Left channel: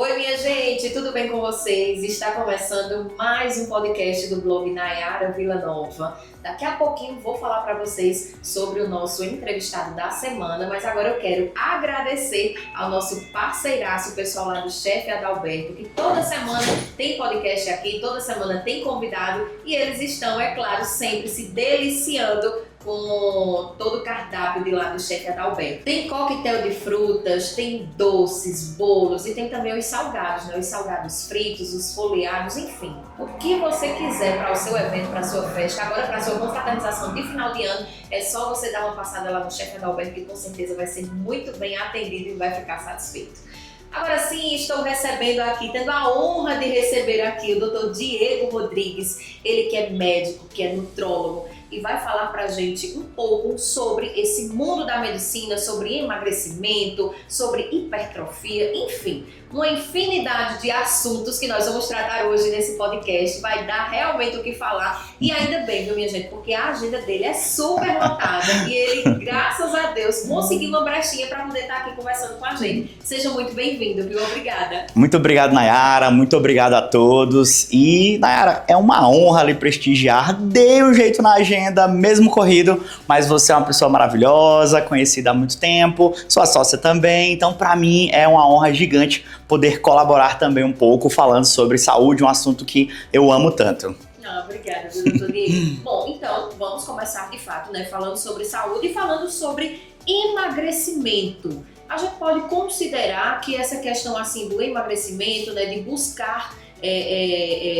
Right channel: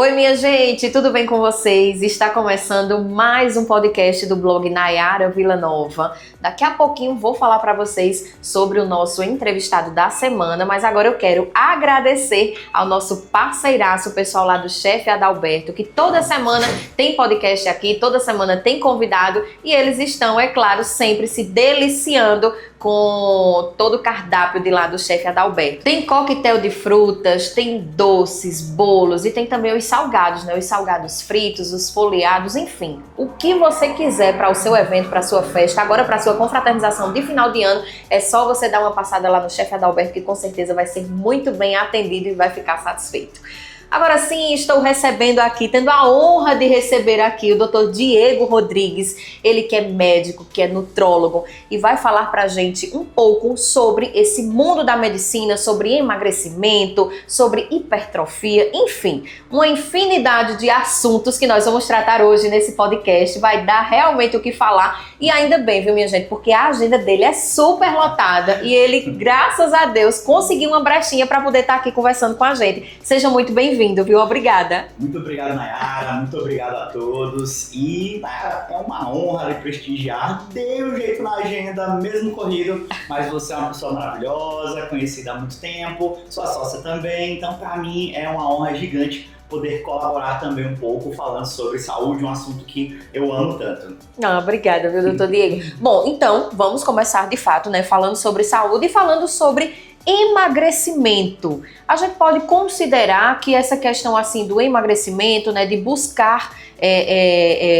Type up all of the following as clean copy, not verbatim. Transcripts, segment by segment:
Oi, minha gente, tudo bem com vocês? Está começando mais um podcast do blog Nayara Villanova. Daqui a pouquinho vou falar para vocês sobre o nosso entrevistado da semana, mas agora eu quero agradecer ao nosso parceiraço, o pessoal lá do Chefe Adalberto, que toda semana tem podcast aqui, toda semana tem convidado e eles estão, é claro, sempre se deliciando com todo o cardápio de lá do Chefe Adalberto. Tem coquetel de frutas, tem doces, bolos e tem também os salgados, né? Os salgados fritos, os folheados, enfim. O que você quiser para o seu evento, para a sua festa, agora para a sua confraternização de final de ano, é só você dar uma passada lá no Chefe Adalberto que com certeza vai ser muito bem atendido e vai ficar satisfeito. Agora sim, estou recebendo aqui, tendo a honra de receber aqui o Dr. Diego Rodrigues, ele que é médico, que é nutrólogo e vai falar pra gente um pouco sobre esse mundo da medicina, sobre emagrecimento, sobre hipertrofia, enfim, uma infinidade de assuntos que nós vamos tratar hoje nesse podcast, vai dar realmente o que falar e ainda bem, viu minha gente, porque a agenda dele é super lotada e ele, graças a Deus, conseguiu uma brechinha para poder estar aqui conversando com a gente. Seja muito bem-vindo, viu? Obrigada. Muito obrigado, Nayara. Muito obrigado a todos. E, Nayara, é uma honra lhe prestigiar. Dei um jeito na agenda, mesmo corrido, mas você é uma pessoa maravilhosa, conhecida há muito tempo, sua sócia também. Então, para mim, é uma honra gigante poder colaborar também um pouco falando sobre saúde, um assunto que eu amo tanto. Obrigada, viu, doutor Diego? Bom, então, vamos começar de fato, né, falando sobre saúde e falando sobre emagrecimento. A gente pode considerar que essa questão assim do emagrecimento, né, de buscar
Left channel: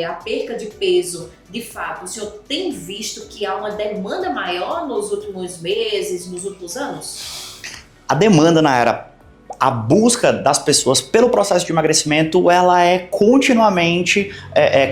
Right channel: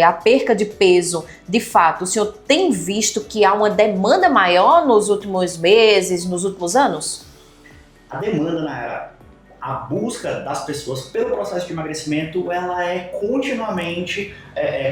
a perca de peso, de fato, o senhor tem visto que há uma demanda maior nos últimos meses, nos últimos anos? A demanda, Nayara, a busca das pessoas pelo processo de emagrecimento, ela é continuamente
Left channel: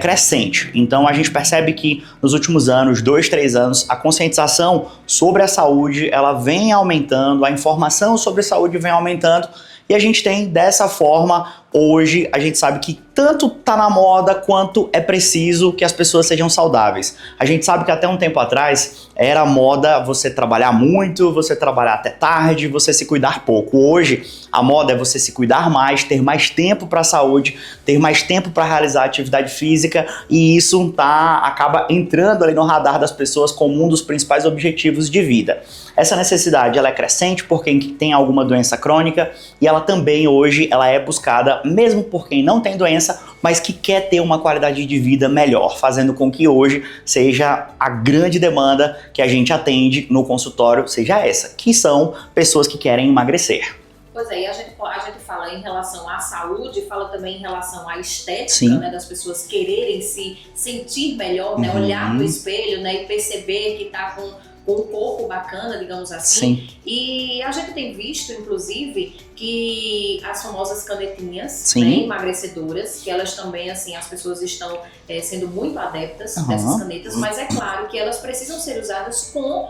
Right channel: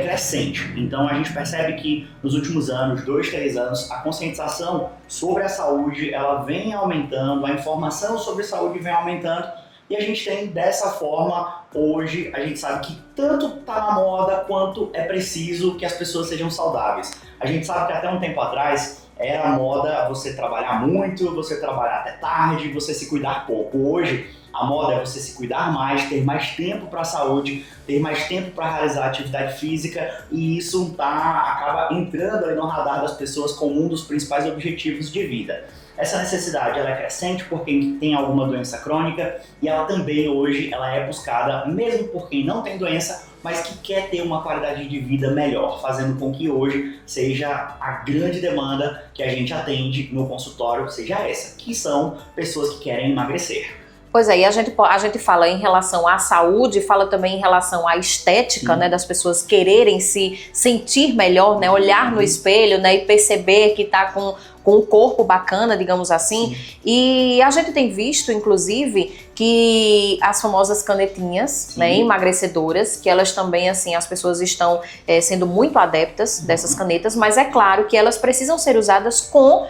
crescente. Então a gente percebe que nos últimos anos, 2, 3 anos, a conscientização sobre a saúde, ela vem aumentando, a informação sobre saúde vem aumentando e a gente tem dessa forma, hoje, a gente sabe que tanto tá na moda quanto é preciso que as pessoas sejam saudáveis. A gente sabe que até um tempo atrás era moda você trabalhar muito, você trabalhar até tarde, você se cuidar pouco. Hoje, a moda é você se cuidar mais, ter mais tempo para a saúde, ter mais tempo para realizar atividade física e isso acaba entrando ali no radar das pessoas como um dos principais objetivos de vida. Essa necessidade ela é crescente por quem tem alguma doença crônica e ela também hoje ela é buscada mesmo por quem não tem doença, mas que quer ter uma qualidade de vida melhor, fazendo com que hoje seja a grande demanda que a gente atende no consultório, seja essa, que são pessoas que querem emagrecer. Pois é, e a gente fala em relação à saúde, fala também em relação à estética, né, das pessoas quererem se sentir melhor, né, olhar no espelho, né, e perceber que tá com um corpo bacana, digamos assim. Sim. E a gente tem visto, inclusive, que as famosas canetinhas, né, emagrecedoras, que elas também, assim, as pessoas estão sendo muito adeptas dessas canetas, mas é claro que elas precisam ser usadas com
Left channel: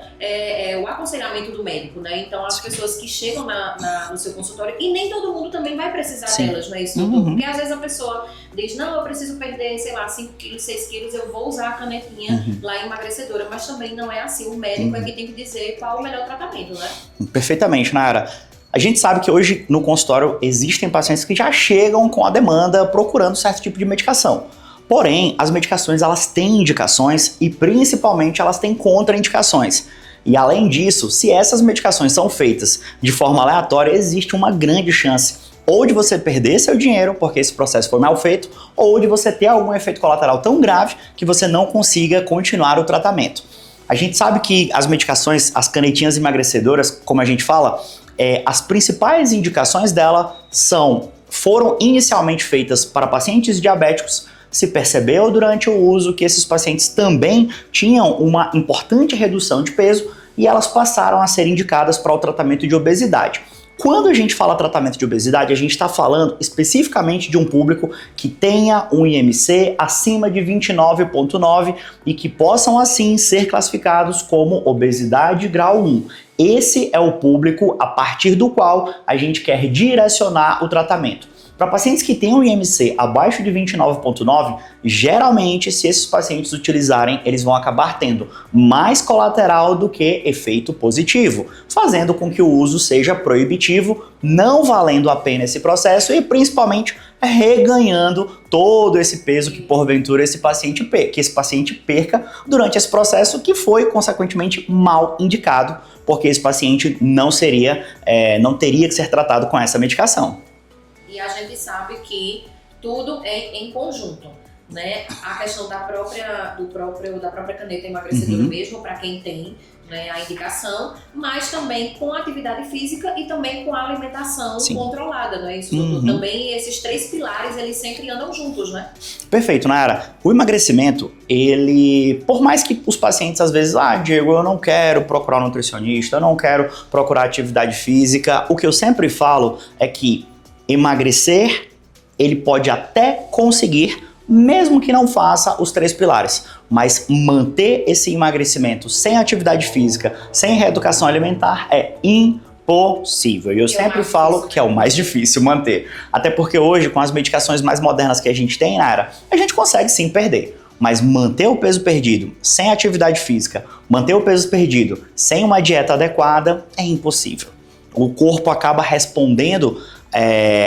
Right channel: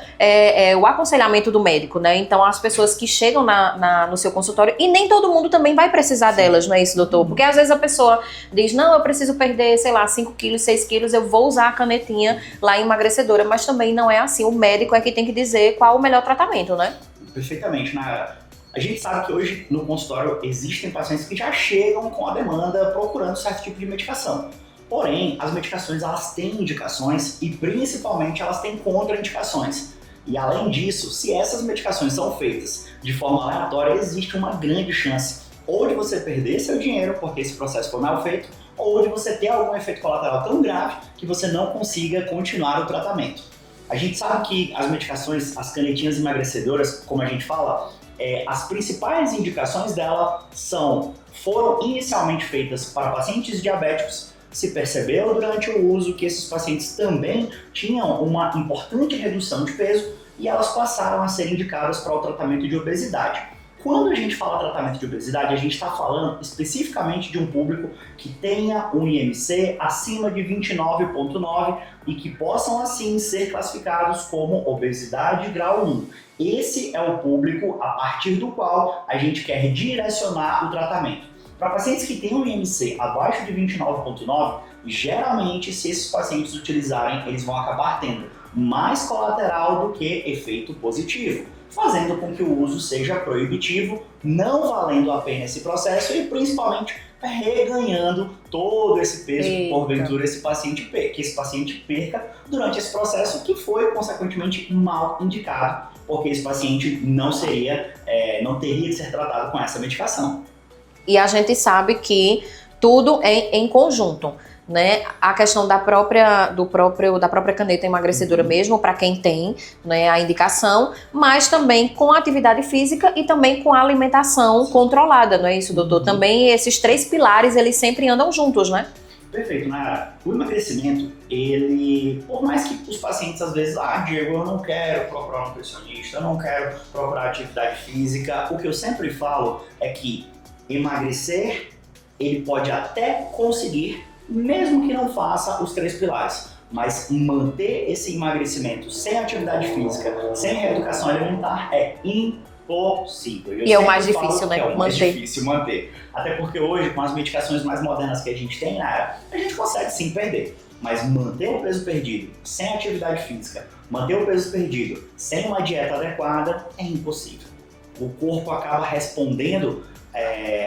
o aconselhamento do médico, né? Então, as pessoas que chegam no seu consultório, e nem todo mundo também vai precisar delas, não é isso, doutor? Porque às vezes a pessoa diz, não, eu preciso perder, sei lá, 5 quilos, 6 quilos, eu vou usar a canetinha lá emagrecedora, mas também não é assim. O médico é que tem que dizer qual o melhor tratamento, né? Perfeitamente, Nayara. A gente sabe que hoje no consultório existem pacientes que já chegam com a demanda procurando certo tipo de medicação. Porém, as medicações elas têm indicações e principalmente elas têm contraindicações. E além disso, se essas medicações são feitas de forma aleatória, existe uma grande chance ou de você perder seu dinheiro porque esse processo foi mal feito, ou de você ter algum efeito colateral tão grave que você não consiga continuar o tratamento. A gente sabe que as medicações, as canetinhas emagrecedoras, como a gente fala, as principais indicações dela foram inicialmente feitas para pacientes diabéticos. Se percebeu durante o uso que esses pacientes também tinham uma importante redução de peso e elas passaram a ser indicadas para o tratamento de obesidade. Quando a gente fala tratamento de obesidade, a gente está falando especificamente de um público que tenha um IMC acima de 29,9 e que possam assim ser classificados como obesidade grau 1. Esse é o público a partir do qual a gente quer direcionar o tratamento. Para pacientes que têm um IMC abaixo de 29,9, geralmente, se esses pacientes utilizarem, eles vão acabar tendo mais colateral do que efeito positivo, fazendo com que o uso seja proibitivo, não valendo a pena esse processo e principalmente reganhando todo esse peso que porventura esse paciente perca durante esse processo que foi consequentemente mal indicado, porque esse paciente não teria que ser tratado com essa medicação. E a gente sabe que tudo é em conjunto, né? A questão da própria caneta emagrecedora mesmo, para quem tem, né, a indicação, mas também com a atividade física e também com a alimentação controlada, não é isso, doutor? Também esses 3 pilares, eles sempre andam juntos, né? Perfeito, Nayara. O emagrecimento, ele, por mais que os pacientes às vezes, Diego, eu não quero procurar um nutricionista, eu não quero procurar atividade física, o que eu sempre falo é que emagrecer, ele pode até conseguir, mesmo que não faça os 3 pilares, mas manter esse emagrecimento sem atividade física, sem reeducação alimentar é impossível. E eu sempre falo que é o mais difícil manter. Até porque hoje, com as medicações mais modernas que a gente tem, Nara, a gente consegue sim perder. Mas manter o peso perdido sem atividade física, manter o peso perdido sem uma dieta adequada é impossível. O corpo acaba respondendo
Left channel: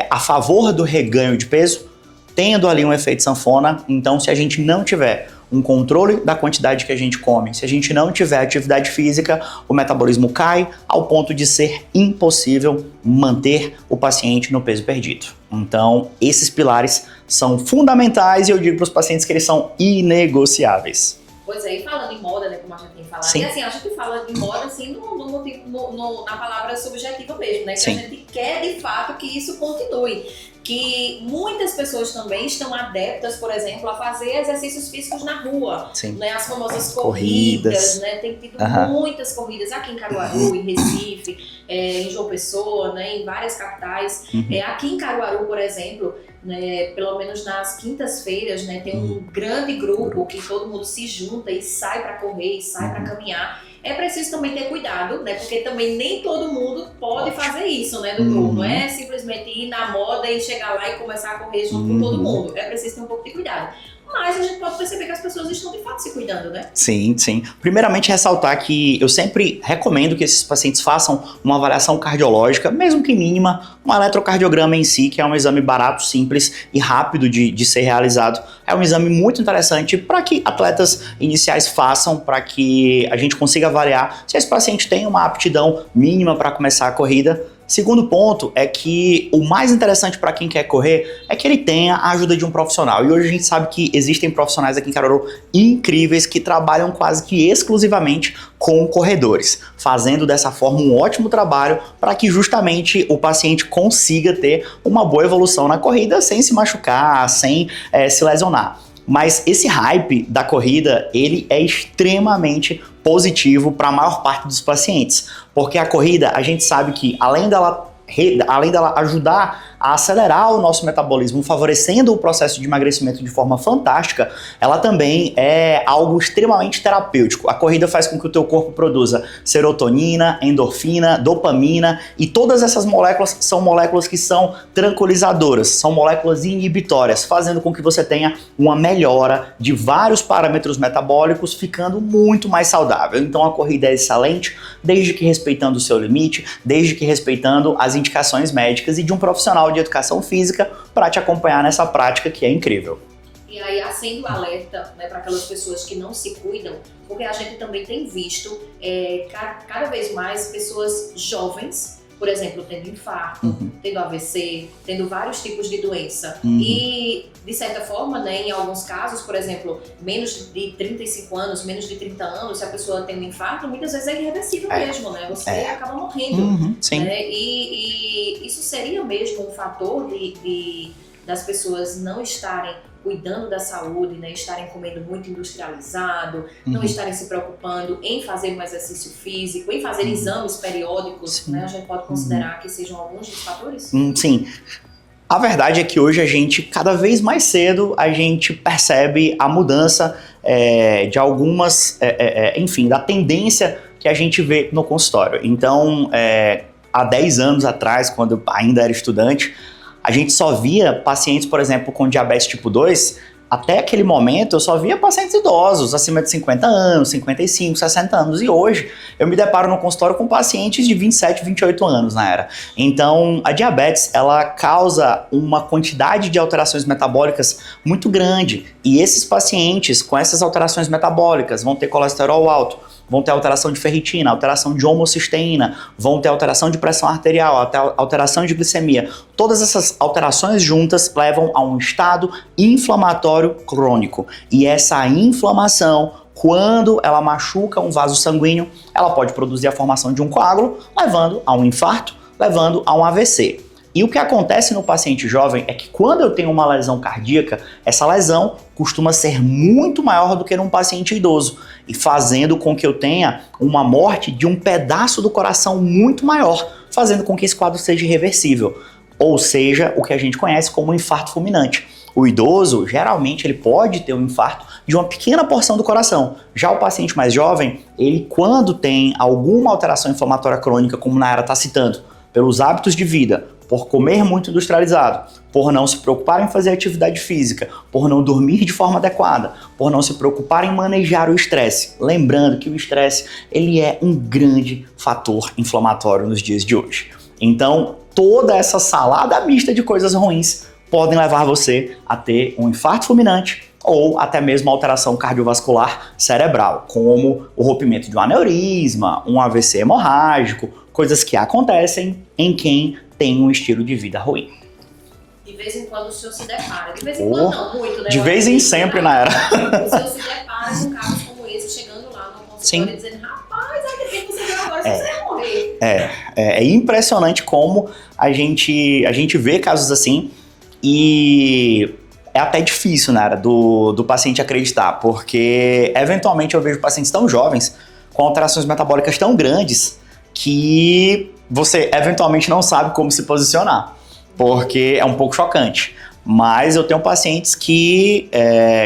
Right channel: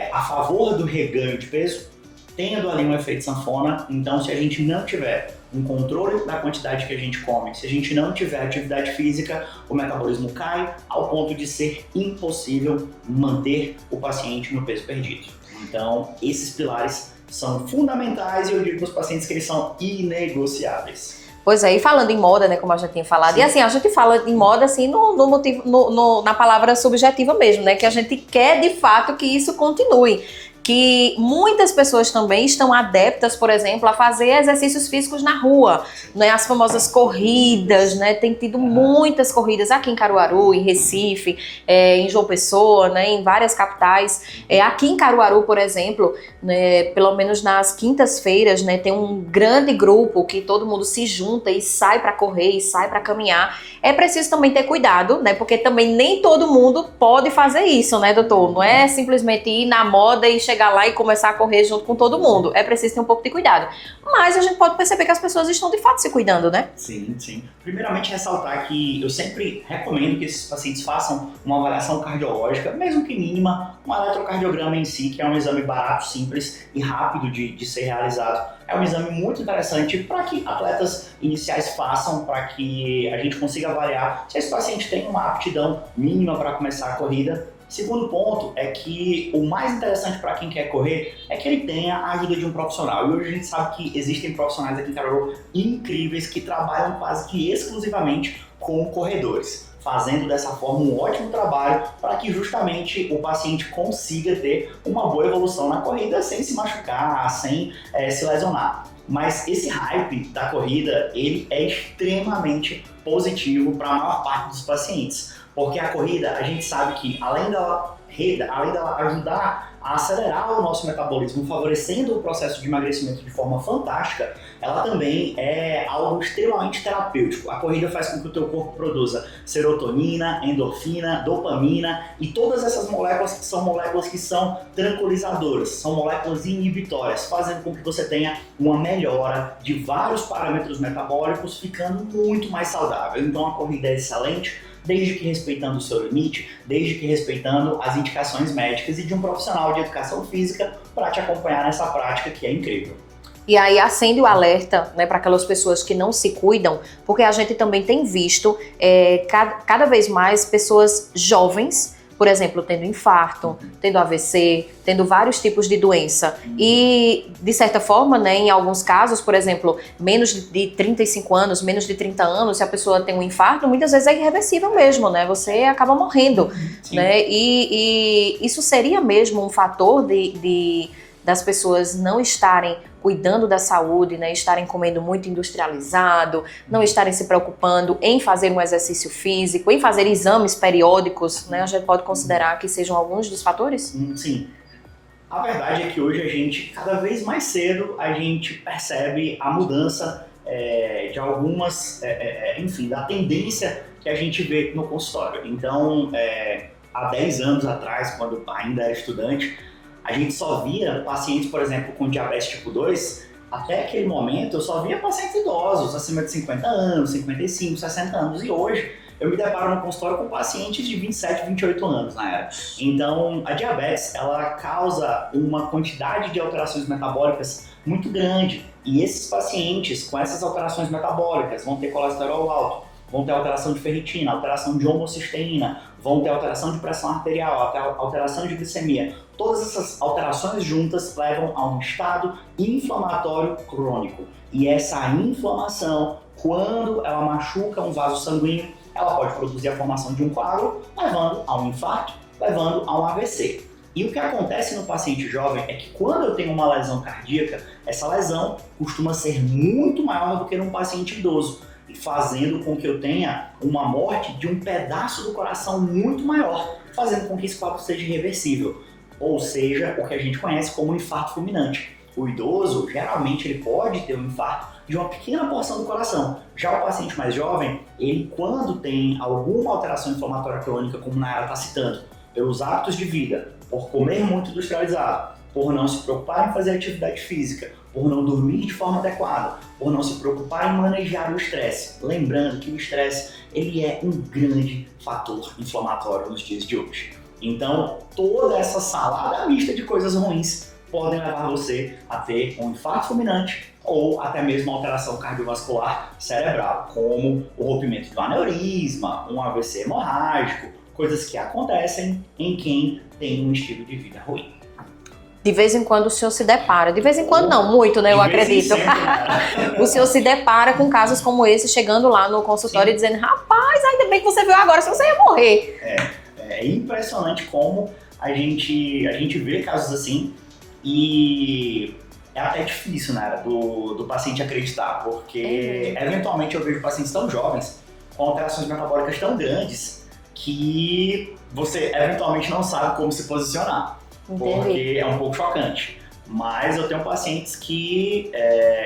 a favor do reganho de peso, tendo ali um efeito sanfona. Então, se a gente não tiver um controle da quantidade que a gente come, se a gente não tiver atividade física, o metabolismo cai ao ponto de ser impossível manter o paciente no peso perdido. Então, esses pilares são fundamentais e eu digo para os pacientes que eles são inegociáveis. Pois é, e falando em moda, né, como a gente tinha falado, e assim, a gente fala em moda assim na palavra subjetiva mesmo, né, que a gente quer de fato que isso continue. Que muitas pessoas também estão adeptas, por exemplo, a fazer exercícios físicos na rua, né? As famosas corridas, né? Tem tido muitas corridas aqui em Caruaru, em Recife, em João Pessoa, né? Em várias capitais. Aqui em Caruaru, por exemplo, né? Pelo menos nas quintas-feiras, né? Tem um grande grupo que todo mundo se junta e sai para correr, e sai para caminhar. É preciso também ter cuidado, né? Porque também nem todo mundo pode fazer isso, né, doutor? Não é simplesmente ir na moda e chegar lá e começar a correr junto com todo mundo. É preciso ter um pouco de cuidado. Mas a gente pode perceber que as pessoas estão de fato se cuidando, né? Sim, sim. Primeiramente, ressaltar que eu sempre recomendo que esses pacientes façam uma avaliação cardiológica, mesmo que mínima, um eletrocardiograma em si, que é um exame barato, simples e rápido de ser realizado. É um exame muito interessante para que atletas iniciais façam, para que a gente consiga avaliar se esse paciente tem uma aptidão mínima para começar a corrida. Segundo ponto é que o mais interessante para quem quer correr é que ele tenha a ajuda de um profissional. E hoje a gente sabe que existem profissionais aqui em Caruaru incríveis que trabalham quase que exclusivamente com corredores, fazendo dessa forma um ótimo trabalho para que justamente o paciente consiga ter uma boa evolução na corrida sem se machucar, sem se lesionar. Mas esse hype da corrida, ele é extremamente positivo para a maior parte dos pacientes, porque a corrida, a gente sabe que além dela ajudar a acelerar o nosso metabolismo, favorecendo o processo de emagrecimento de forma fantástica, ela também é algo extremamente terapêutico. A corrida faz com que o teu corpo produza serotonina, endorfina, dopamina, e todas essas moléculas são moléculas que são tranquilizadoras, são moléculas inibitórias, fazendo com que você tenha uma melhora de vários parâmetros metabólicos, ficando muito mais saudável. Então a corrida é excelente, desde que respeitando o seu limite, desde que respeitando as indicações médicas e de um profissional de educação física para te acompanhar nessa prática que é incrível. E aí acende o alerta, né, para aquelas pessoas que não se cuidam, porque a gente também tem visto cada vez mais pessoas jovens, por exemplo, tendo infarto, tendo AVC, tendo vários tipos de doença. E, de certa forma, né, em alguns casos, por exemplo, menos de 35 anos, menos de 30 anos, se a pessoa tem um infarto, muitas vezes é irreversível mesmo, né? Você acaba morrendo. Né? E isso seria mesmo um fator das pessoas não estarem cuidando da saúde, né, estarem comendo muito industrializado, não estarem se preocupando em fazer um exercício físico, em fazer exames periódicos, né, a gente pode considerar que sejam alguns dos fatores? Sim. A verdade é que hoje a gente, cada vez mais cedo, a gente percebe a mudança de algumas, enfim, da tendência que a gente vê no consultório. Então, há 10 anos atrás, quando eu ainda era estudante, a gente só via pacientes, por exemplo, com diabetes tipo 2, até aquele momento eu só via pacientes idosos, acima de 50 anos, 55, 60 anos, e hoje eu me deparo no consultório com pacientes de 27, 28 anos na era. Então, a diabetes, ela causa uma quantidade de alterações metabólicas muito grande, e esses pacientes com essas alterações metabólicas vão ter colesterol alto, vão ter alteração de ferritina, alteração de homocisteína, vão ter alteração de pressão arterial, alteração de glicemia. Todas essas alterações juntas levam a um estado inflamatório crônico. E essa inflamação, quando ela machuca um vaso sanguíneo, ela pode produzir a formação de um coágulo, levando a um infarto, levando a um AVC. E o que acontece no paciente jovem é que quando eu tenho uma lesão cardíaca, essa lesão costuma ser muito maior do que num paciente idoso, e fazendo com que eu tenha uma morte de um pedaço do coração muito maior, fazendo com que esse quadro seja irreversível, ou seja, o que a gente conhece como infarto fulminante. O idoso, geralmente, ele pode ter um infarto de uma pequena porção do coração. Já o paciente mais jovem, ele quando tem alguma alteração inflamatória crônica, como Nayara está citando, pelos hábitos de vida, por comer muito industrializado, por não se preocupar em fazer atividade física, por não dormir de forma adequada, por não se preocupar em manejar o estresse. Lembrando que o estresse, ele é um grande fator inflamatório nos dias de hoje. Então, toda essa salada mista de coisas ruins podem levar você a ter um infarto fulminante ou até mesmo alteração cardiovascular cerebral, como o rompimento de um aneurisma, um AVC hemorrágico, coisas que acontecem em quem tem um estilo de vida ruim. De vez em quando o senhor se depara, de vez em quando não, muito, né? De vez em sempre, Nayara. O senhor se depara com casos como esse, chegando lá no consultório e dizendo, rapaz, ainda bem que você viu agora, senão você ia morrer. É impressionante como a gente vê casos assim e é até difícil, Nayara, do paciente acreditar, porque eventualmente eu vejo pacientes tão jovens com alterações metabólicas tão grandes que você eventualmente não sabe como se posicionar, porque é um pouco chocante. Mas eu tenho pacientes que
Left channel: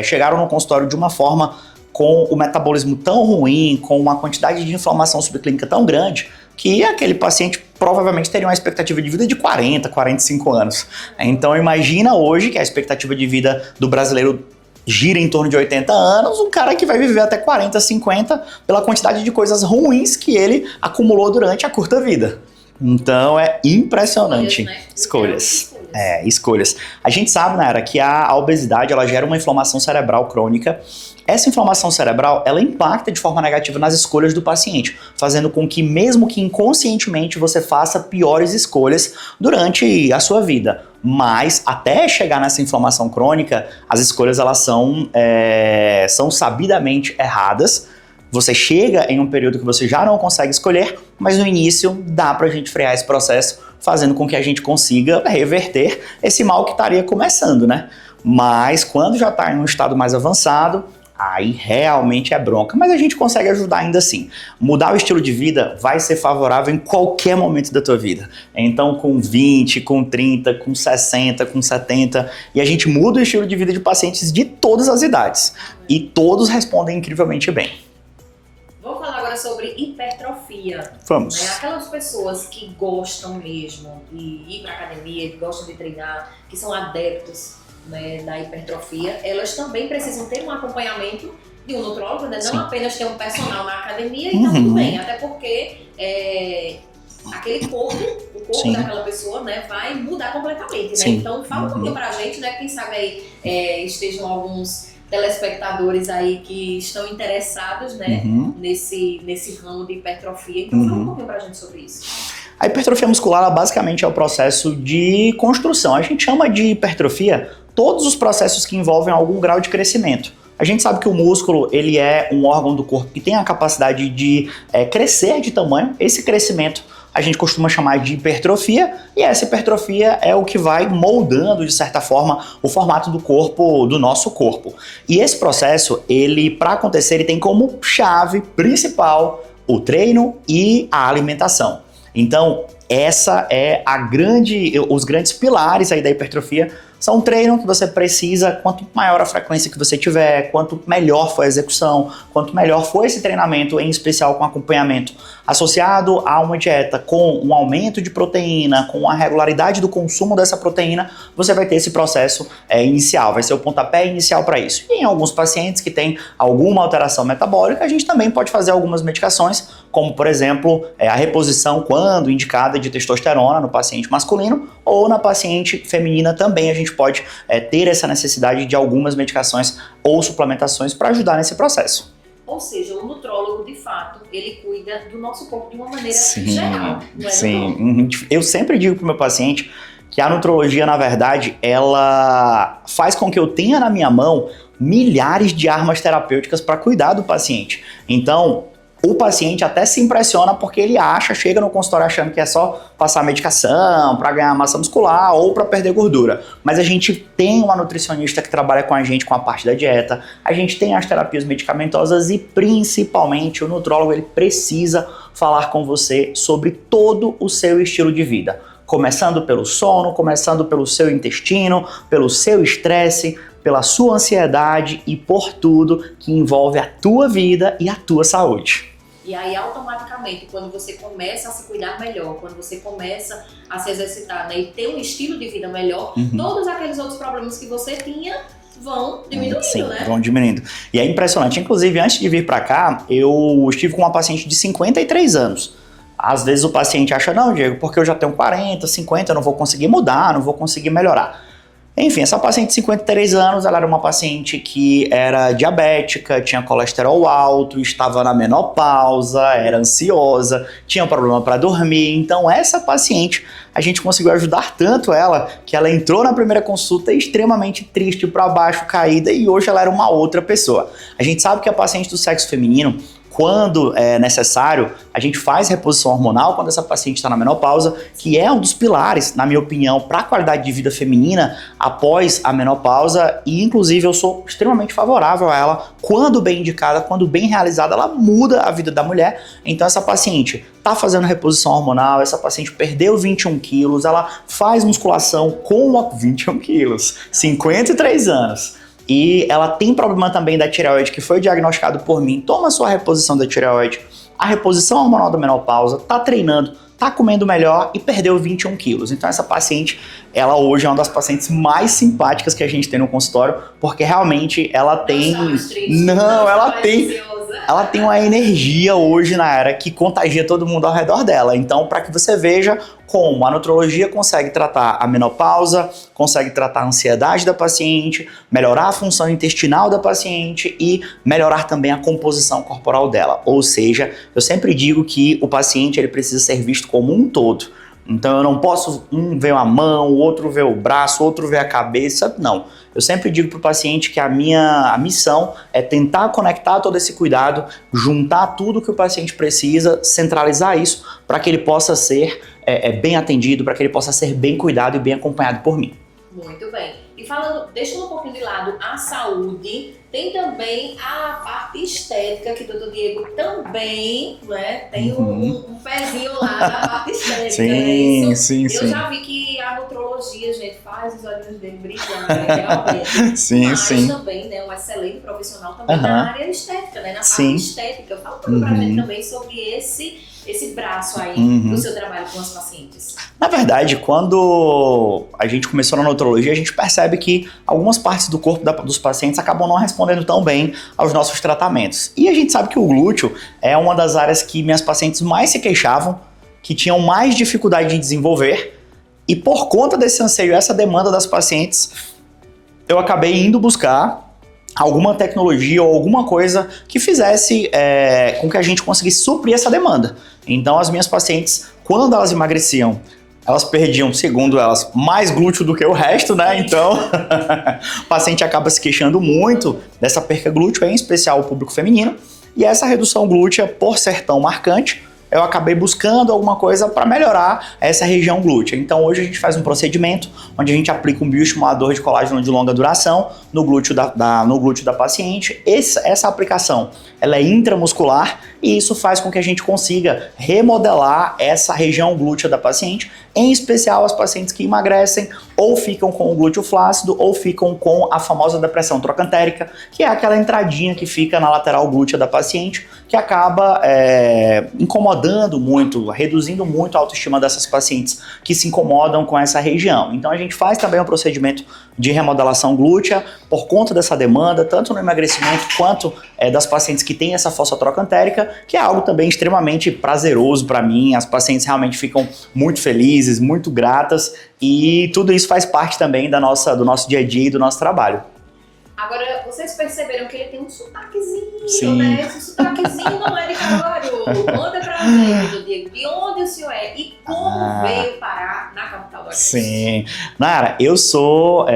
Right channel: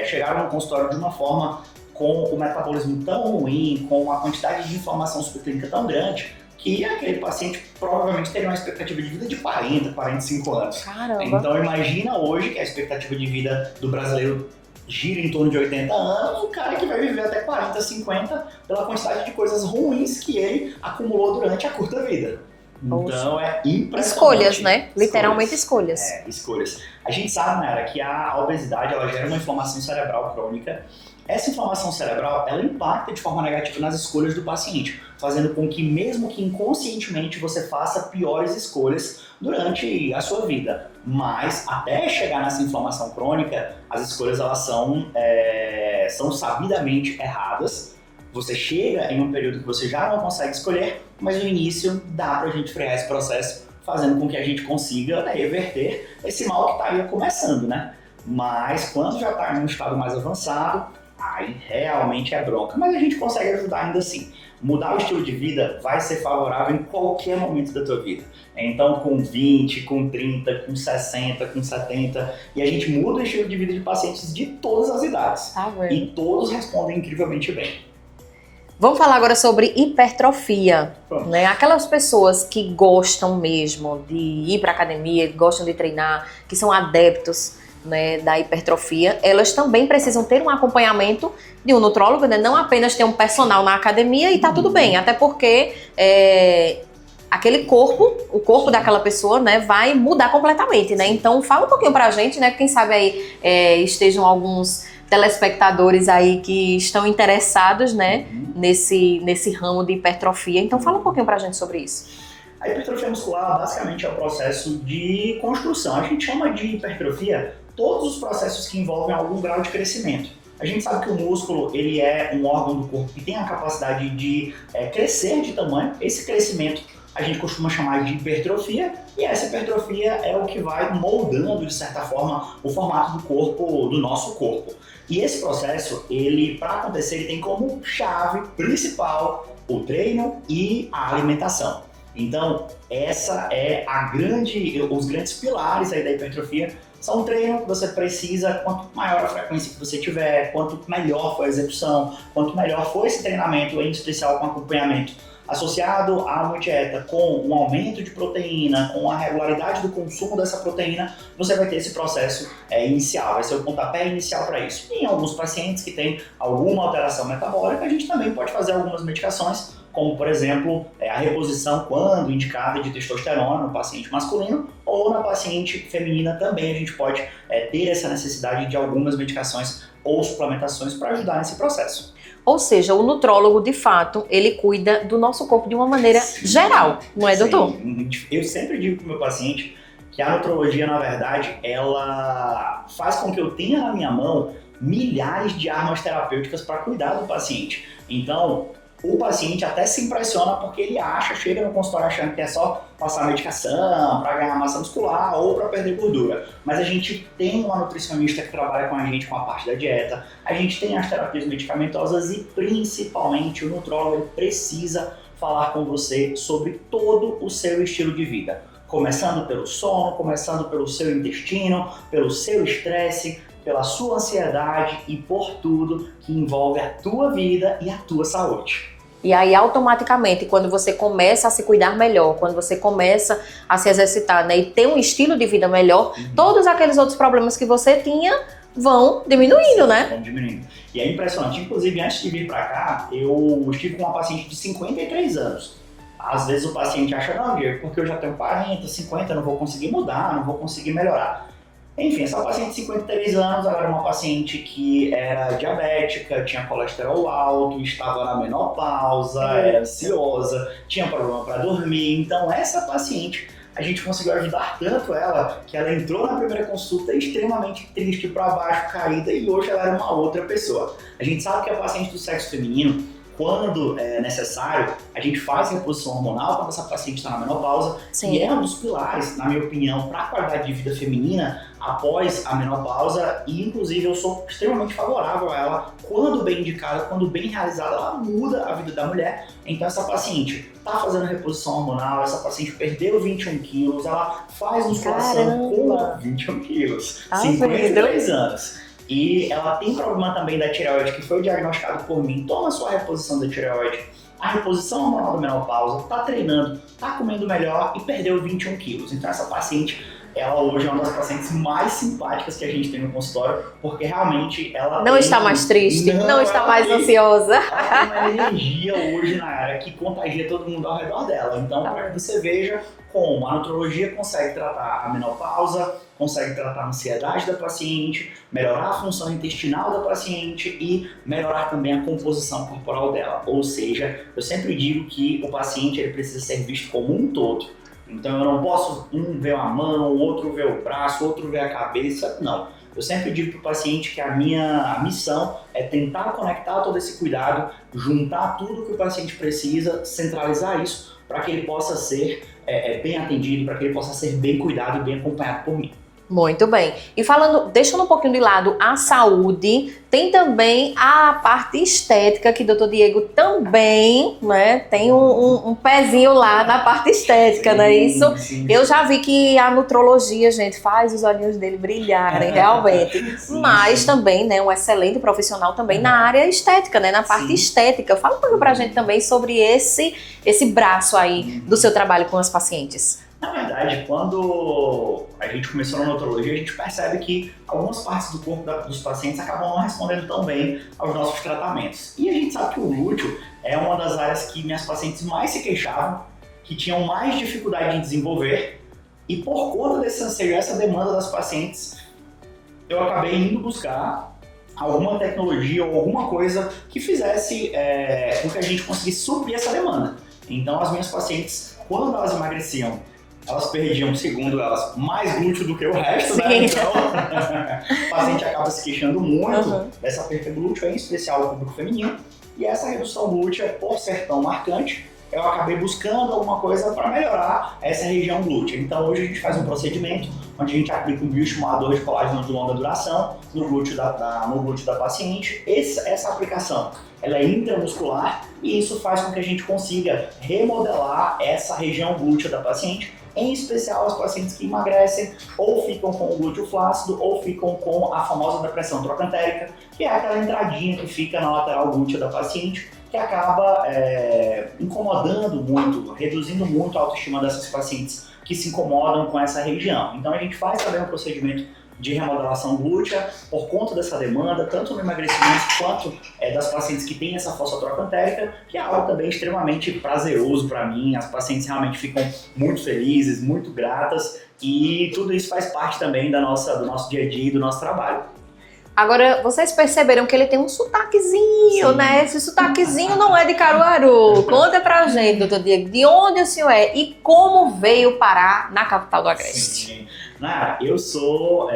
chegaram no consultório de uma forma com o metabolismo tão ruim, com uma quantidade de inflamação subclínica tão grande, que aquele paciente provavelmente teria uma expectativa de vida de 40, 45 anos. Caramba. Então imagina hoje que a expectativa de vida do brasileiro gira em torno de 80 anos, um cara que vai viver até 40, 50 pela quantidade de coisas ruins que ele acumulou durante a curta vida. Então é impressionante. Escolhas, né? Literalmente escolhas. Escolhas. A gente sabe, Nayara, que a obesidade ela gera uma inflamação cerebral crônica. Essa inflamação cerebral, ela impacta de forma negativa nas escolhas do paciente, fazendo com que, mesmo que inconscientemente, você faça piores escolhas durante a sua vida. Mas, até chegar nessa inflamação crônica, as escolhas elas são sabidamente erradas. Você chega em um período que você já não consegue escolher, mas no início dá pra gente frear esse processo, fazendo com que a gente consiga reverter esse mal que estaria começando, né? Mas quando já está em um estado mais avançado, aí realmente é bronca, mas a gente consegue ajudar ainda assim. Mudar o estilo de vida vai ser favorável em qualquer momento da tua vida. Então com 20, com 30, com 60, com 70, e a gente muda o estilo de vida de pacientes de todas as idades. E todos respondem incrivelmente bem. Vamos falar agora sobre hipertrofia. Vamos. Né? Aquelas pessoas que gostam mesmo de ir para academia, que gostam de treinar, que são adeptos, né, da hipertrofia, elas também precisam ter um acompanhamento de um nutrólogo, né? Não apenas ter um personal na academia e tá tudo bem, até porque aquele corpo, o corpo daquela pessoa, né, vai mudar completamente, né? Então fala um pouquinho pra gente, né? Quem sabe aí estejam alguns telespectadores aí que estão interessados, né, nesse ramo de hipertrofia. Então fala um pouquinho pra gente sobre isso. A hipertrofia muscular, ela basicamente é o processo de construção. A gente chama de hipertrofia todos os processos que envolvem algum grau de crescimento. A gente sabe que o músculo, ele é um órgão do corpo que tem a capacidade de crescer de tamanho. Esse crescimento a gente costuma chamar de hipertrofia, e essa hipertrofia é o que vai moldando, de certa forma, o formato do corpo, do nosso corpo. E esse processo, ele, para acontecer, ele tem como chave principal o treino e a alimentação. Então, essa é os grandes pilares aí da hipertrofia São treinos que você precisa, quanto maior a frequência que você tiver, quanto melhor for a execução, quanto melhor for esse treinamento, em especial com acompanhamento associado a uma dieta com um aumento de proteína, com a regularidade do consumo dessa proteína, você vai ter esse processo inicial, vai ser o pontapé inicial para isso. E em alguns pacientes que têm alguma alteração metabólica, a gente também pode fazer algumas medicações, como por exemplo, a reposição quando indicada de testosterona no paciente masculino, ou na paciente feminina também a gente pode ter essa necessidade de algumas medicações ou suplementações para ajudar nesse processo. Ou seja, o nutrólogo, de fato, ele cuida do nosso corpo de uma maneira geral, não é, doutor? Sim. Eu sempre digo para o meu paciente que a nutrologia, na verdade, ela faz com que eu tenha na minha mão milhares de armas terapêuticas para cuidar do paciente. Então, o paciente até se impressiona porque ele chega no consultório achando que é só passar medicação para ganhar massa muscular ou para perder gordura. Mas a gente tem uma nutricionista que trabalha com a gente com a parte da dieta, a gente tem as terapias medicamentosas e principalmente o nutrólogo ele precisa falar com você sobre todo o seu estilo de vida. Começando pelo sono, começando pelo seu intestino, pelo seu estresse, pela sua ansiedade e por tudo que envolve a tua vida e a tua saúde. E aí, automaticamente, quando você começa a se cuidar melhor, quando você começa a se exercitar, né, e ter um estilo de vida melhor, todos aqueles outros problemas que você tinha vão diminuindo, Sim, né? Vão diminuindo. E é impressionante. Inclusive, antes de vir para cá, eu estive com uma paciente de 53 anos. Às vezes o paciente acha, não, Diego, porque eu já tenho 40, 50, eu não vou conseguir mudar, não vou conseguir melhorar. Enfim, essa paciente de 53 anos, ela era uma paciente que era diabética, tinha colesterol alto, estava na menopausa, era ansiosa, tinha problema para dormir. Então, essa paciente, a gente conseguiu ajudar tanto ela, que ela entrou na primeira consulta extremamente triste, para baixo, caída, e hoje ela era uma outra pessoa. A gente sabe que a paciente do sexo feminino, quando é necessário, a gente faz reposição hormonal quando essa paciente está na menopausa, Sim. que é um dos pilares, na minha opinião, para a qualidade de vida feminina após a menopausa, e inclusive eu sou extremamente favorável a ela, quando bem indicada, quando bem realizada, ela muda a vida da mulher. Então essa paciente está fazendo reposição hormonal, essa paciente perdeu 21 quilos, ela faz musculação com 21 quilos, 53 anos. E ela tem problema também da tireoide, que foi diagnosticado por mim. Toma sua reposição da tireoide, a reposição hormonal da menopausa, tá treinando, tá comendo melhor e perdeu 21 quilos. Então essa paciente, ela hoje é uma das pacientes mais simpáticas que a gente tem no consultório, porque realmente ela não está mais triste, não está mais ansiosa. Ela tem uma energia hoje na era que contagia todo mundo ao redor dela. Então, para que você veja como a nutrologia consegue tratar a menopausa, consegue tratar a ansiedade da paciente, melhorar a função intestinal da paciente e melhorar também a composição corporal dela. Ou seja, eu sempre digo que o paciente ele precisa ser visto como um todo. Então eu não posso ver a mão, o outro ver o braço, o outro ver a cabeça, não. Eu sempre digo para o paciente que a minha missão é tentar conectar todo esse cuidado, juntar tudo que o paciente precisa, centralizar isso para que ele possa ser bem atendido, para que ele possa ser bem cuidado e bem acompanhado por mim. Muito bem. E falando, deixando um pouquinho de lado a saúde, tem também a parte estética, que o doutor Diego também, né, tem um pezinho lá na parte estética, sim, não é isso? Sim, Eu já vi que a nutrologia, gente, faz os olhinhos dele brilharem, realmente. Sim, mas sim. também, né, um excelente profissional também na área estética, né, na parte estética. Fala um pouco pra gente também sobre esse braço aí do seu trabalho com as pacientes. Na verdade, quando a gente começou na nutrologia, a gente percebe que algumas partes do corpo dos pacientes acabam não respondendo tão bem aos nossos tratamentos. E a gente sabe que o glúteo é uma das áreas que minhas pacientes mais se queixavam, que tinham mais dificuldade em desenvolver, e por conta desse anseio, essa demanda das pacientes, eu acabei indo buscar alguma tecnologia ou alguma coisa que fizesse com que a gente conseguisse suprir essa demanda. Então as minhas pacientes, quando elas emagreciam, elas perdiam, segundo elas, mais glúteo do que o resto, né? Então, o paciente acaba se queixando muito dessa perca glúteo, em especial o público feminino. E essa redução glútea, por ser tão marcante, eu acabei buscando alguma coisa para melhorar essa região glútea. Então hoje a gente faz um procedimento onde a gente aplica um bioestimulador de colágeno de longa duração no glúteo da paciente. Essa aplicação ela é intramuscular e isso faz com que a gente consiga remodelar essa região glútea da paciente, em especial as pacientes que emagrecem ou ficam com o glúteo flácido ou ficam com a famosa depressão trocantérica, que é aquela entradinha que fica na lateral glútea da paciente, que acaba incomodando muito, reduzindo muito a autoestima dessas pacientes que se incomodam com essa região. Então a gente faz também um procedimento de remodelação glútea por conta dessa demanda, tanto no emagrecimento quanto das pacientes que têm essa fossa trocantérica, que é algo também extremamente prazeroso para mim. As pacientes realmente ficam muito felizes, muito gratas e tudo isso faz parte também do nosso dia a dia e do nosso trabalho. Agora, vocês perceberam que ele tem um sotaquezinho, Sim. né? Esse sotaquezinho não é de Caruaru. Conta pra gente, doutor Diego, de onde o senhor é e como veio parar na capital do Agreste. Sim. Nayara, eu sou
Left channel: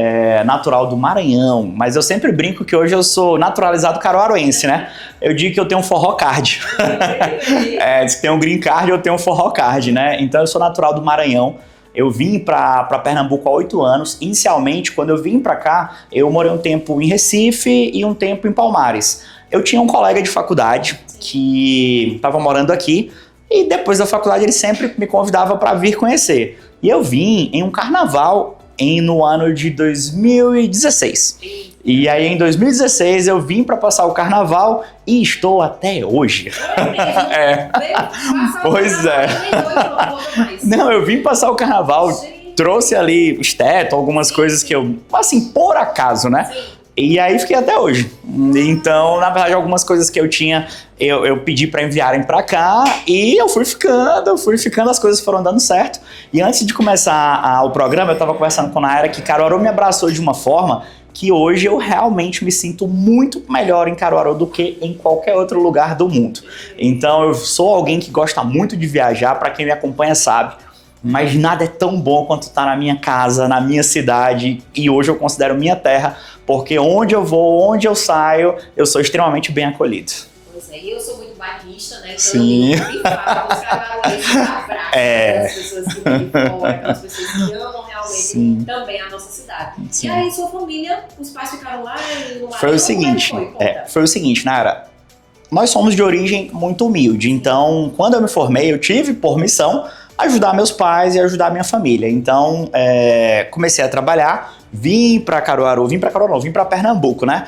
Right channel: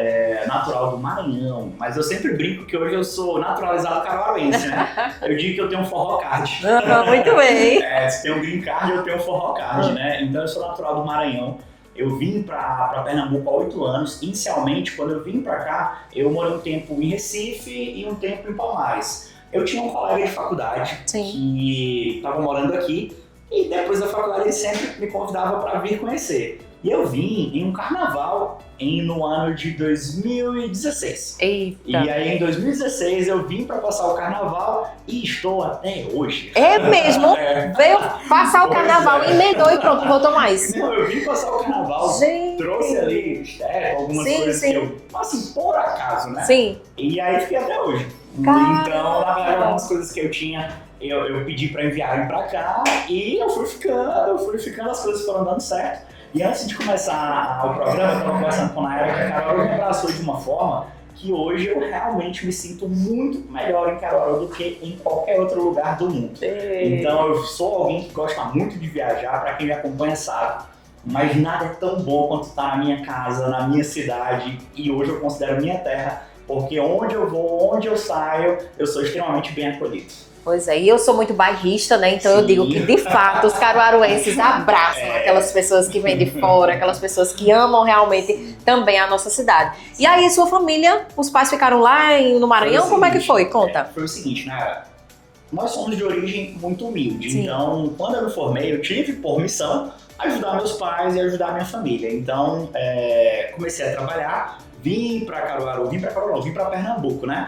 natural do Maranhão, mas eu sempre brinco que hoje eu sou naturalizado caruaruense, né? Eu digo que eu tenho um forró card. Muito bem. Se tem um green card, eu tenho um forró card, né? Então eu sou natural do Maranhão. Eu vim para Pernambuco há 8 anos. Inicialmente, quando eu vim para cá, eu morei um tempo em Recife e um tempo em Palmares. Eu tinha um colega de faculdade que estava morando aqui e depois da faculdade ele sempre me convidava para vir conhecer. E eu vim em um carnaval no ano de 2016. Eita. E aí em 2016 eu vim para passar o carnaval e estou até hoje. É mesmo? Veio passar o carnaval, emendou e pronto, voltou mais. Não, eu vim passar o carnaval, Gente. trouxe ali esteto, algumas coisas que eu, assim, por acaso, né? Sim. E aí fiquei até hoje. Então, na verdade, algumas coisas que eu tinha, eu pedi para enviarem para cá e eu fui ficando, as coisas foram dando certo. E antes de começar o programa, eu estava conversando com a Nayara que Caruaru me abraçou de uma forma que hoje eu realmente me sinto muito melhor em Caruaru do que em qualquer outro lugar do mundo. Então, eu sou alguém que gosta muito de viajar, para quem me acompanha sabe. Mas nada é tão bom quanto estar na minha casa, na minha cidade, e hoje eu considero minha terra, porque onde eu vou, onde eu saio, eu sou extremamente bem acolhido. Pois é, e eu sou muito bairrista, né? Então Sim. eu digo, de fato, os caruaruenses abraçam aquelas pessoas que vêm de fora, aquelas pessoas que amam realmente também a nossa cidade. Sim. E aí, sua família, os pais ficaram lá no Maranhão? Como é que foi? Conta. Foi o seguinte, Nayara, nós somos de origem muito humilde, então quando eu me formei, eu tive por missão ajudar meus pais e ajudar minha família. Então, comecei a trabalhar, vim para Pernambuco, né?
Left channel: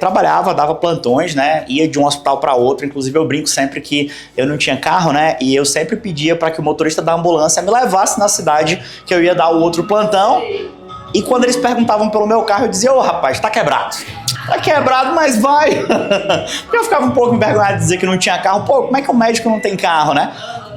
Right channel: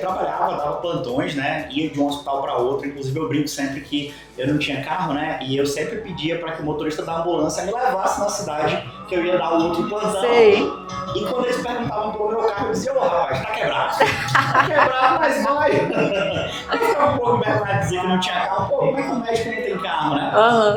Trabalhava, dava plantões, né? Ia de um hospital para outro. Inclusive, eu brinco sempre que eu não tinha carro, né? E eu sempre pedia para que o motorista da ambulância me levasse na cidade que eu ia dar o outro plantão. Sei. E quando eles perguntavam pelo meu carro, eu dizia, ô rapaz, tá quebrado. Tá quebrado, mas vai. Eu ficava um pouco envergonhado de dizer que não tinha carro. Pô, como é que o médico não tem carro, né?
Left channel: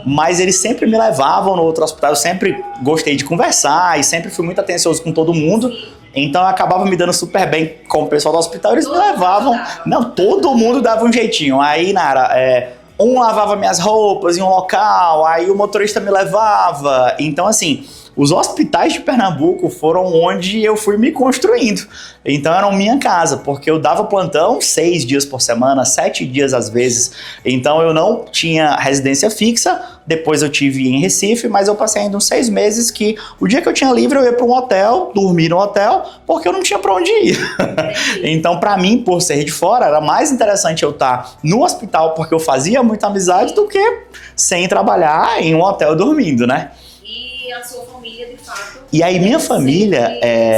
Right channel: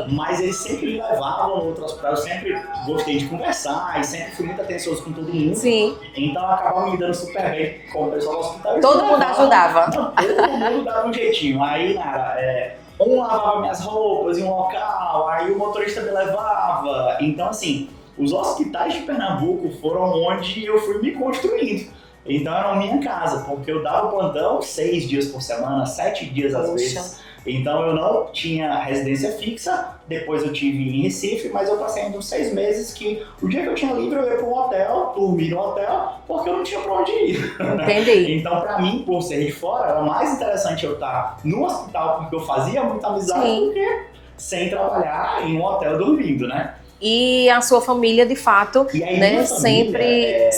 Mas eles sempre me levavam no outro hospital. Eu sempre gostei de conversar e sempre fui muito atencioso com todo mundo. Sim. Então eu acabava me dando super bem com o pessoal do hospital. Eles todo me levavam. Mundo ajudava. Não, todo mundo dava um jeitinho. Aí, Nara, um lavava minhas roupas em um local, aí o motorista me levava. Então, assim, os hospitais de Pernambuco foram onde eu fui me construindo. Então eram minha casa, porque eu dava plantão 6 dias por semana, 7 dias às vezes. Então eu não tinha residência fixa, depois eu tive em Recife, mas eu passei ainda uns 6 meses que o dia que eu tinha livre eu ia para um hotel, dormir no hotel, porque eu não tinha para onde ir. Entendi. Então para mim, por ser de fora, era mais interessante eu estar no hospital, porque eu fazia muita amizade, do que sem trabalhar em um hotel dormindo, né? E a sua família, de fato, e aí, minha família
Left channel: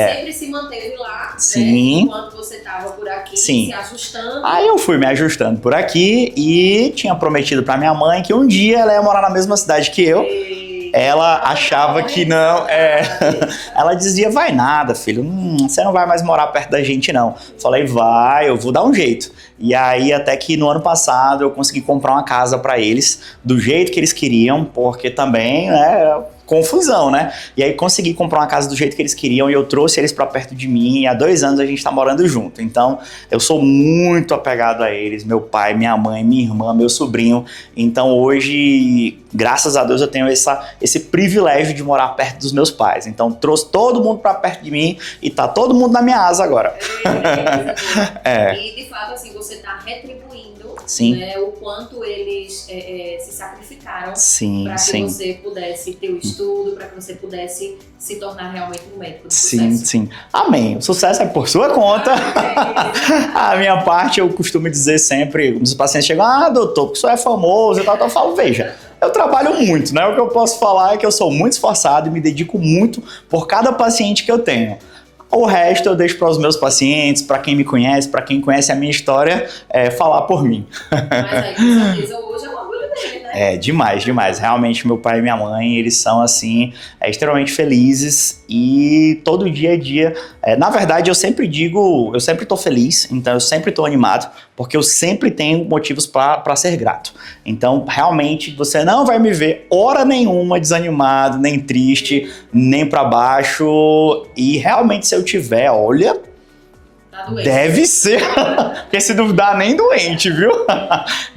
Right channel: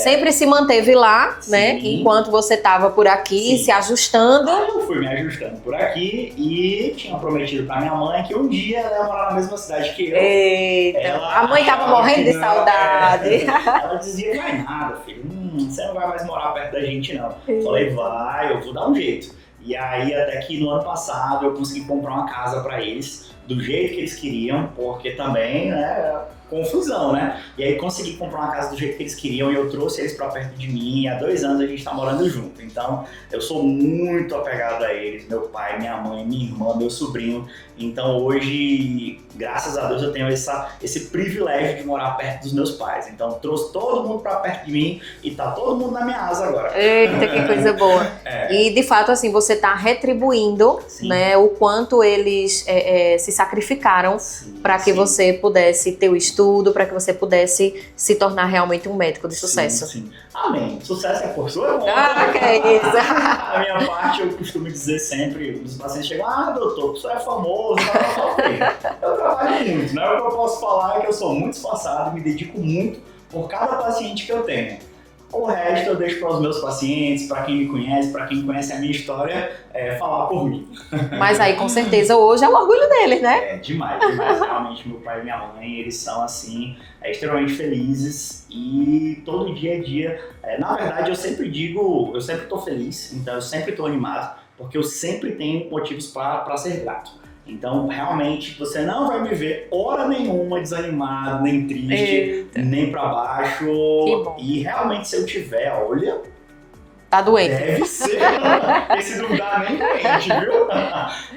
sempre se manteve lá, né? Enquanto você estava por aqui, se ajustando. Aí eu fui me ajustando por aqui e tinha prometido pra minha mãe que um dia ela ia morar na mesma cidade que eu. Eita. Ela achava que não. Ela dizia, vai nada, filho, você não vai mais morar perto da gente, não. Falei, vai, eu vou dar um jeito. E aí, até que no ano passado, eu consegui comprar uma casa pra eles, do jeito que eles queriam, porque também, né, confusão, né? E aí consegui comprar uma casa do jeito que eles queriam e eu trouxe eles pra perto de mim e há 2 anos a gente tá morando junto. Então, eu sou muito apegado a eles, meu pai, minha mãe, minha irmã, meu sobrinho. Então, hoje, graças a Deus, eu tenho esse privilégio de morar perto dos meus pais. Então, trouxe todo mundo pra perto de mim e tá todo mundo na minha asa agora. Eita, que coisa boa. E, de fato, assim, você tá retribuindo, né, o quanto eles se sacrificaram para que você pudesse ter o estudo, para que você pudesse se tornar realmente um médico de sucesso. Sim. Amém. O sucesso é por sua conta. Isso. A minha parte, eu costumo dizer sempre, os pacientes chegam, doutor, porque o senhor é famoso e tal. Eu falo, veja, eu trabalho muito, né? O que eu posso falar é que eu sou muito esforçado e me dedico muito por cada paciente que eu tenho. O resto eu deixo para os meus pacientes, para quem me conhece, para quem conhece a minha história, falar por mim. Mas aí, com certeza, hoje é o orgulho deles, né? Demais. Realmente, meu pai e minha mãe, eles são, assim, extremamente felizes e todo dia a dia... na verdade, eu sempre tô feliz, então eu sempre tô animado, porque eu sempre tenho motivos para ser grato. Então, realmente, você não vai me ver hora nenhuma desanimado, nem triste, nem para baixo. E realmente, se eu tiver, olha... Tá doente. Deve ser, porque se duvidar, nem doente, viu?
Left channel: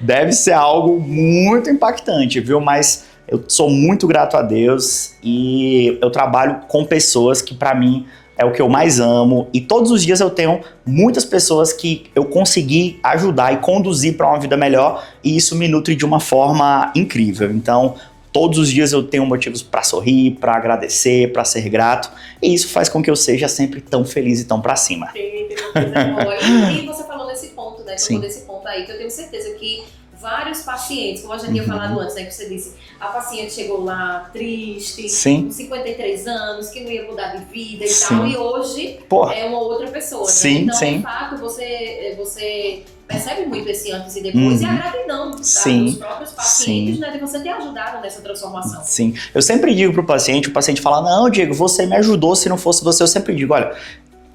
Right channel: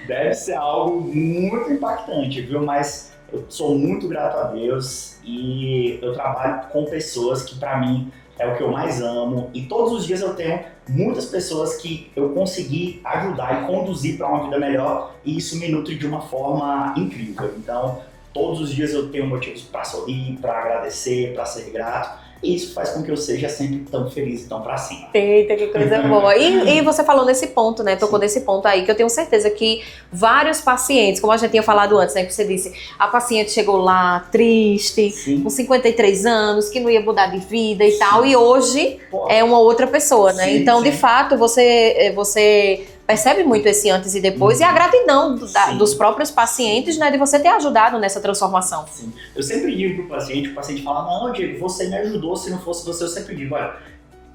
Deve ser algo muito impactante, viu? Mas eu sou muito grato a Deus e eu trabalho com pessoas que, para mim, é o que eu mais amo. E todos os dias eu tenho muitas pessoas que eu consegui ajudar e conduzir para uma vida melhor. E isso me nutre de uma forma incrível. Então, todos os dias eu tenho motivos para sorrir, para agradecer, para ser grato. E isso faz com que eu seja sempre tão feliz e tão pra cima. Eita, que coisa boa. E você falou nesse ponto, né? Tocou nesse ponto aí, que eu tenho certeza que vários pacientes, como a gente tinha falado antes, né? Que você disse, a paciente chegou lá triste, com 53 anos, que não ia mudar de vida e tal. E hoje é uma outra pessoa, né? Então, de fato, você percebe muito esse antes e depois e a gratidão dos próprios pacientes, né? De você ter ajudado nessa transformação. Sim. Eu sempre digo pro paciente, o paciente fala, não, Diego, você me ajudou, se não fosse você, eu sempre digo, olha,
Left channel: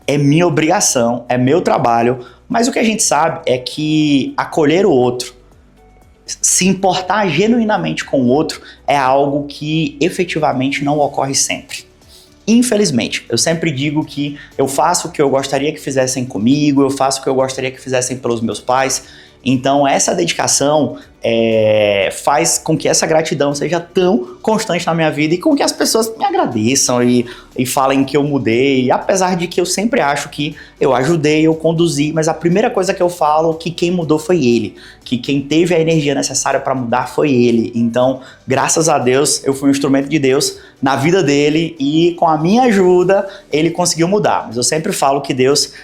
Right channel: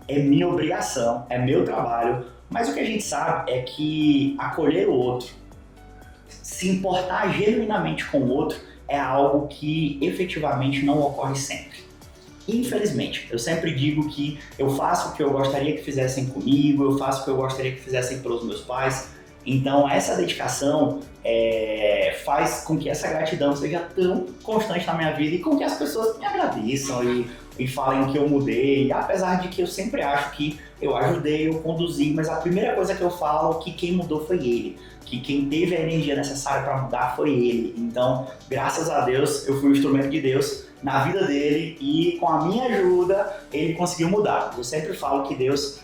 é minha obrigação, é meu trabalho, mas o que a gente sabe é que acolher o outro, se importar genuinamente com o outro, é algo que efetivamente não ocorre sempre. Infelizmente, eu sempre digo que eu faço o que eu gostaria que fizessem comigo, eu faço o que eu gostaria que fizessem pelos meus pais. Então, essa dedicação faz com que essa gratidão seja tão constante na minha vida e com que as pessoas me agradeçam e falem que eu mudei, apesar de que eu sempre acho que eu ajudei, eu conduzi, mas a primeira coisa que eu falo é que quem mudou foi ele, que quem teve a energia necessária para mudar foi ele. Então, graças a Deus, eu fui um instrumento de Deus na vida dele e com a minha ajuda ele conseguiu mudar. Mas eu sempre falo que Deus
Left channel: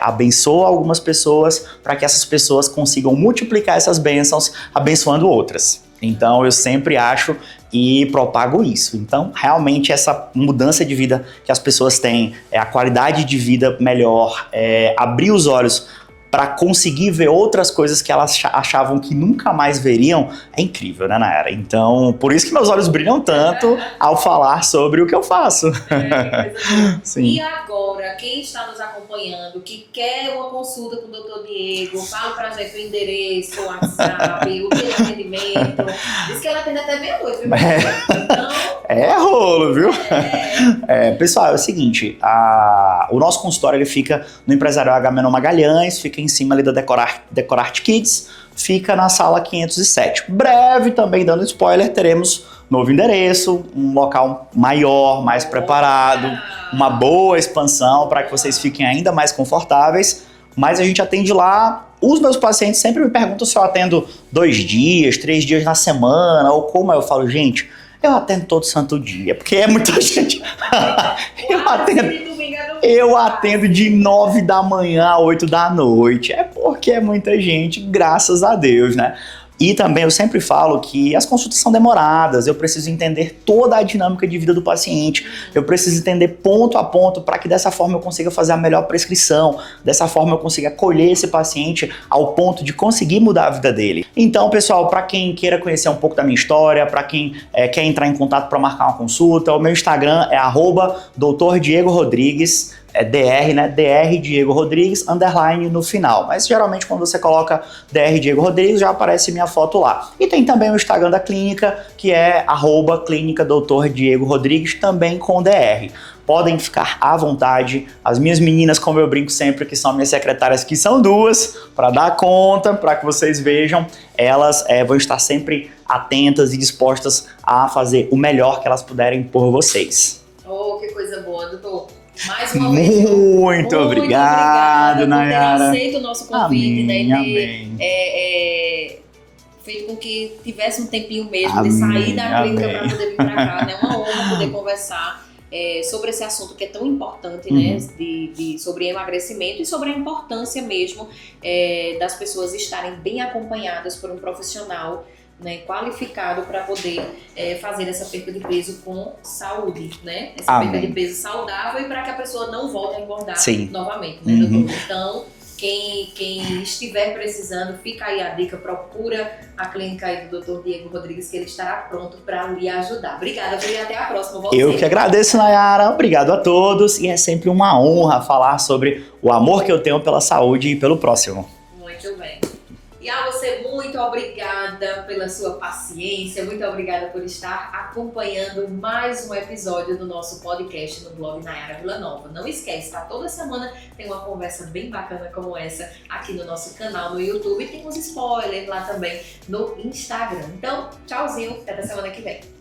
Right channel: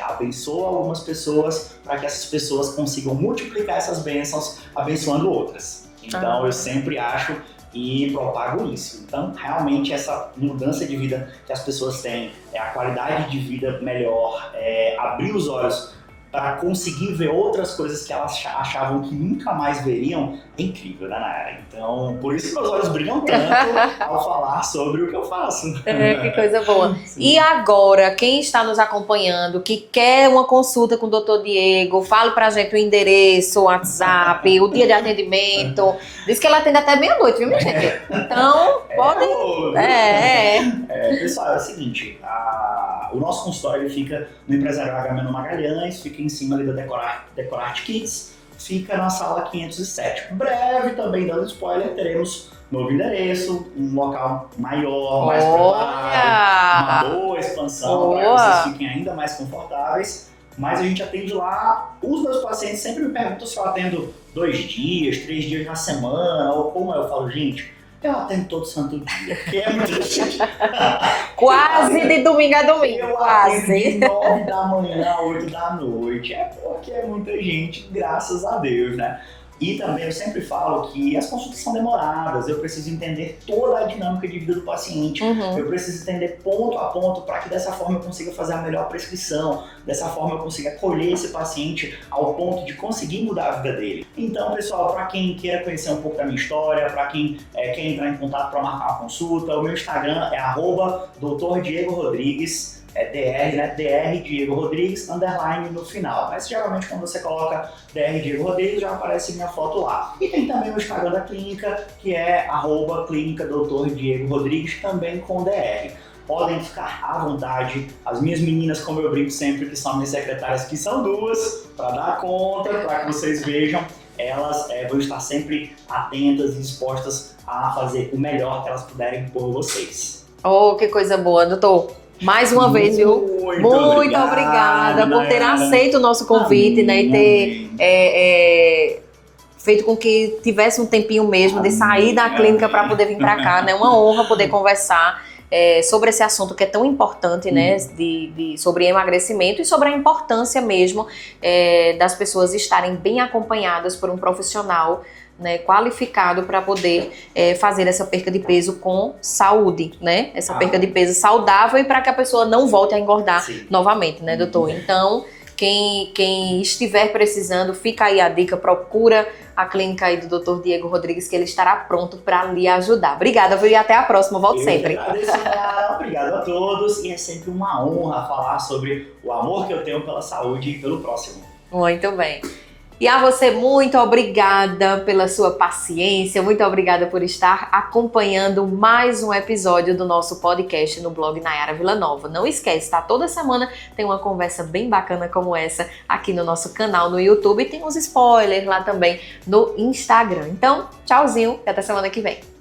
abençoa algumas pessoas para que essas pessoas consigam multiplicar essas bênçãos abençoando outras. Então eu sempre acho e propago isso. Então realmente essa mudança de vida que as pessoas têm, a qualidade de vida melhor, abrir os olhos para conseguir ver outras coisas que elas achavam que nunca mais veriam, é incrível, né, Nayara? Então, por isso que meus olhos brilham tanto ao falar sobre o que eu faço. Que coisa boa. Sim. E agora, quem está nos acompanhando, que quer uma consulta com o Dr. Diego, fale pra gente o endereço, o WhatsApp, o dia de atendimento. Diz que ela atende até meia-noite, viu, minha gente? Então... rolo, viu? Pessoal, é o seguinte, o nosso consultório ele fica no Empresarial Agamenon Magalhães, fica em cima ali da Decorarte Kids, fica na sala 507. Breve, também dando spoiler, teremos novo endereço, um local maior, mais preparado, uma boa expansão para que vocês fiquem ainda mais confortáveis. Mas a gente atende lá. Os meus pacientes sempre me perguntam se eu atendo 2 dias, 3 dias na semana, ou como eu falo, gente, eu atendo todo santo dia, porque é muita gente. Quase de domingo a domingo. Eu atendo de 9 da manhã a 8 da noite. É porque é muita gente, graças a Deus, né? E também eu sempre falo que as consultas são demoradas, eu preciso entender toda a dinâmica de vida do paciente, eu preciso entender ponto a ponto para que dessa forma eu consiga fazer a melhor prescrição, dessa forma eu consiga acolher esse paciente ao ponto de conseguir mudar a vida dele. Então, pessoal, para quem queira conhecer um pouco da minha história, para quem quer entrar em contato para marcar uma consulta, o meu Instagram é @Dr. Diego Rodrigues. é DR, né? DR Diego Rodrigues, underline no final. Mas geralmente quando você coloca DR Diego Rodrigues, já aparece minha foto lá. E tem também o Instagram da clínica, que é @clínica Dr. Diego Rodrigues, também com DR. Podem ficar à vontade. As minhas meninas, como eu brinco sempre, que são minhas secretárias, que são duas, para dar conta, para que vocês vejam, elas vão estar sempre atentas e dispostas a fazer o melhor que elas puderem por vocês. Oh, que coisa boa, doutor. Mais uma vez, viu? Muito obrigada por ter Nayara. aceito o nosso convite, Amém, né? E ter feito com que tivesse um tempinho mesmo de sair da clínica para poder vir para cá, né? Uma honra poder conversar sobre esse assunto que é tão importante, né? Sobre emagrecimento e sobre a importância mesmo das pessoas estarem bem acompanhadas por um profissional, né, qualificado para poder fazer essa perca de peso com saúde, né? Essa Amém. perca de peso saudável e para que a pessoa não volte a engordar novamente, né, doutor? Então, quem estiver precisando, fica aí a dica, procura a clínica aí do Dr. Diego Rodrigues, que ele estará pronto para lhe ajudar. Obrigada, viu? E até a próxima. Volte sempre. Eu que agradeço, Nayara. Obrigado a todos. E é sempre uma honra falar sobre o amor que eu tenho pela saúde e pelo próximo. Muito bem. E a você, muito obrigada pela sua paciência, muito obrigada por estar acompanhando mais um episódio do nosso podcast no blog Nayara Villanova. Não esquece, tá? Toda semana tem uma conversa bem bacana como essa aqui no nosso canal no YouTube e tem uns spoilers lá também no Instagram. Então, tchauzinho e até semana que vem.